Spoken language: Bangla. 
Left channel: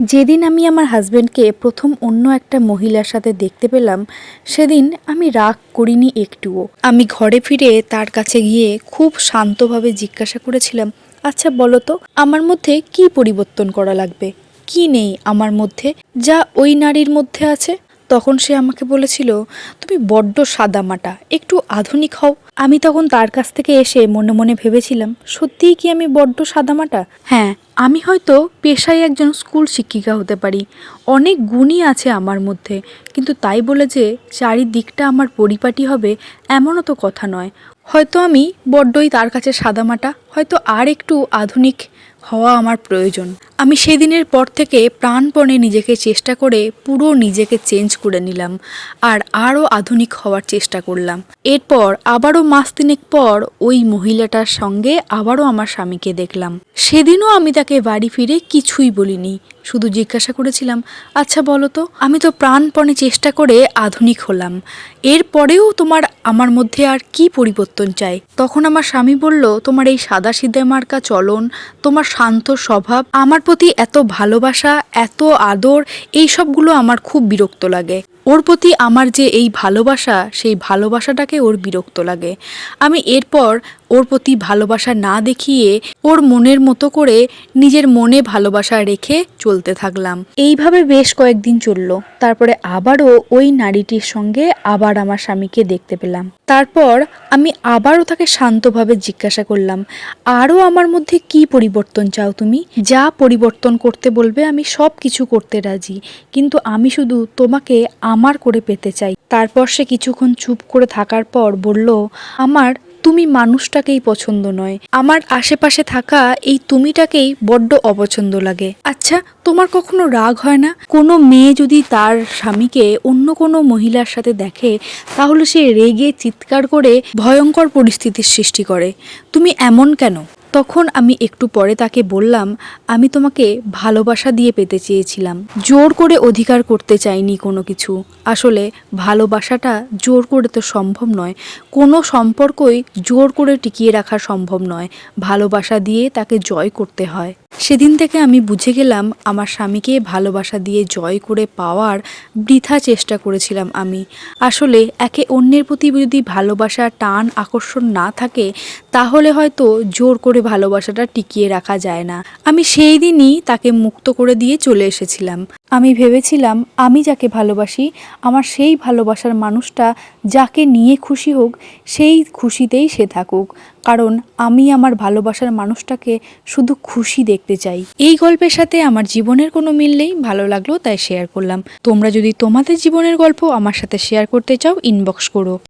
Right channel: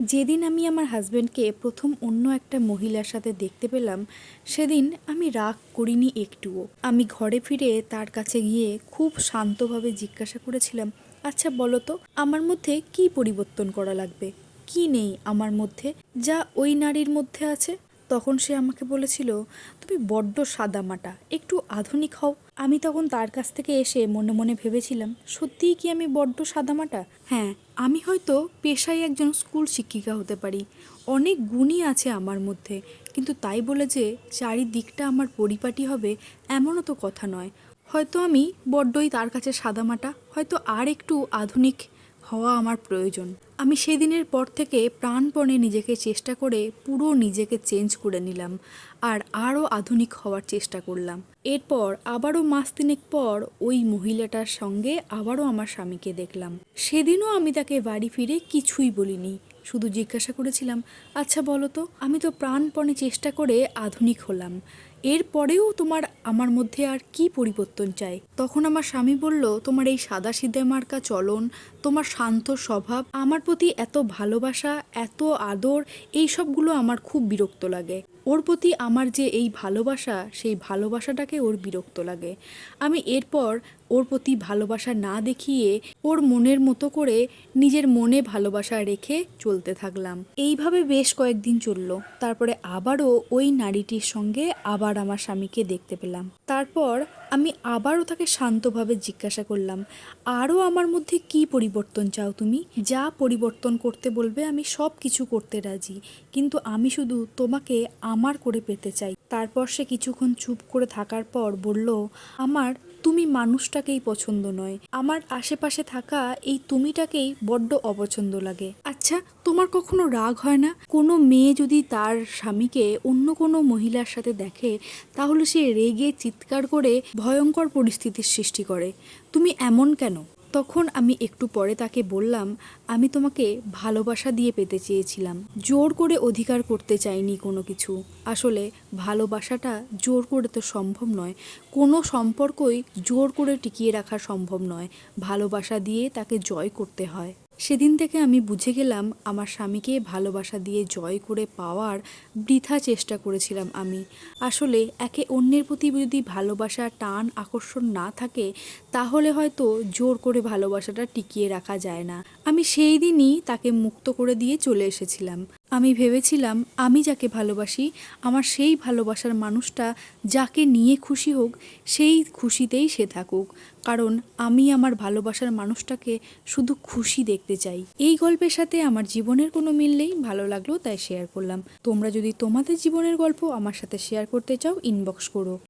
যেদিন আমি আমার হাজব্যান্ডকে প্রথম অন্য একটা মহিলার সাথে দেখতে পেলাম, সেদিন আমি রাগ করিনি একটুও। আমি ঘরে ফিরে তার কাছে গিয়ে খুব শান্তভাবে জিজ্ঞাসা করেছিলাম আচ্ছা বলো তো, আমার মধ্যে কি পরিবর্তন করা লাগবে? কি নেই আমার মধ্যে? যা ওই নারীর মধ্যে আছে? তখন সে আমাকে বলেছিল, তুমি বড্ড সাদামাটা একটু আধুনিক হও। আমি তখন তার কাছ থেকে এসে মনে মনে ভেবেছিলাম, সত্যিই কি আমি বড্ড সাদামাটা? হ্যাঁ আমি হয়তো পেশায় একজন স্কুল শিক্ষিকা হতে পারি। অনেক গুণই আছে আমার মধ্যে, কিন্তু তাই বলে যে চারিদিকটা আমার পরিপাটি হবে এমনও তো কথা নয়। হয়তো আমি বড্ডই তার কাছে সাদামাটা, হয়তো আর একটু আধুনিক হওয়া আমার প্রয়োজন। আমি সেদিনের পর থেকে প্রাণপণে নিজেকে চেষ্টা করে পুরো নিজেকে চেঞ্জ করে নিলাম আর আরও আধুনিক হওয়ার চেষ্টা করলাম। এরপর আবারও মাস তিনেক পর ওই মহিলাটার সঙ্গে আবারও আমার স্বামীকে দেখলাম। সেদিনও আমি তাকে বাড়ি ফিরে কিছুই বলিনি, শুধু জিজ্ঞাসা করেছিলাম আচ্ছা বলো তো, আমি তো প্রাণপণে চেষ্টা করে আধুনিক হলাম, এরপরেও তোমার আমার মধ্যে আর কি পরিবর্তন চাই? তখন আমার স্বামী বলল, তোমার এই সাদা সিধে মার্কা চলন, তোমার শান্ত স্বভাব, আমার প্রতি এত ভালোবাসা এত আদর এই সবগুলো আমার খুব বিরক্ত লাগে। ওর প্রতি আমার যে এই ভালোবাসা, সেই ভালোবাসাটাকে ওর বিরক্ত লাগে। আমি এরপর ওর প্রতি ভালোবাসা না দেখিয়ে ওর মনের মতো করে নিজের মনে ভালোবাসা রেখে চলতে থাকলাম। এইভাবে বেশ কয়েকদিন চলল। তারপরে আবারও ওই নারীটির সঙ্গে আবার আমার স্বামীকে দেখতে পেলাম। তারপর আমি আবারও তাকে শান্তভাবে জিজ্ঞাসা করলাম আরও আমার মধ্যে কি পরিবর্তন চাও তুমি? যা পরিবর্তন করতে বলবে আমি সব কিছু করতে রাজি। কিন্তু আমি শুধু তোমাকে আমার করে পেতে চাই। তারপর সে কিছুক্ষণ চুপ করে থাকার পর বলল, আমার, তুমি মানুষটাকেই পছন্দ নয়। আমার আশেপাশে থাকা এই তুমিটাকেই বড্ড অপছন্দ লাগে। আচ্ছা তোমার কখনো রাগ হয় না? কোনো মেয়ে যদি তার স্বামীকে অন্য কোনো মহিলার সাথে দেখে, তাহলে সে রেগে চিৎকার করে ভয়ঙ্কর পরিস্থিতির সৃষ্টি করে। তুমি এমন কেন? তখন আমি একটু পরে তাকে বললাম, আমি তোমাকে ভালোবাসা দিয়ে পেতে চেয়েছিলাম। জোর করে অধিকার করতে চাইনি কোনো কিছু। আসলে ভালোবাসাটা জোর করে তো সম্ভব নয়। কোনো সম্পর্কই জোর করে টিকিয়ে রাখা সম্ভব নয়। ভালোবাসা দিয়ে তাকে জয় করতে হয়। সেদিন থেকে আমি বুঝে গেলাম আমার স্বামীকে ভালোবাসা দিয়ে জয় করে পাওয়ার বৃথা চেষ্টা করেছিলাম আমি। আসলে একে অন্যের প্রতি যদি ভালোবাসা টান আকর্ষণ না থাকে, তাহলে হয়তো জোর করে ভালোবাসাটা টিকিয়ে রাখা যায় না। আমি সেই দিনই তাকে মুক্ত করে দিয়ে চলে এসেছিলাম। আমি ভেবেছিলাম, আমি যাকে ভালোবাসি, আমার সেই ভালোবাসার মানুষটা যাকে নিয়ে খুশি হোক, সেই খুশিতেই সে থাকুক। কারণ আমি আমার ভালোবাসার মানুষটাকে শুধু খুশি দেখতে চাই। এই গল্পের সাথে আমার জীবনের কোনো মিল নেই, ভালো লাগল তাই শেয়ার করলাম। তোমরা যদি তোমাদের জীবনের গল্প আমার সাথে শেয়ার করতে চাও ইনবক্স করো।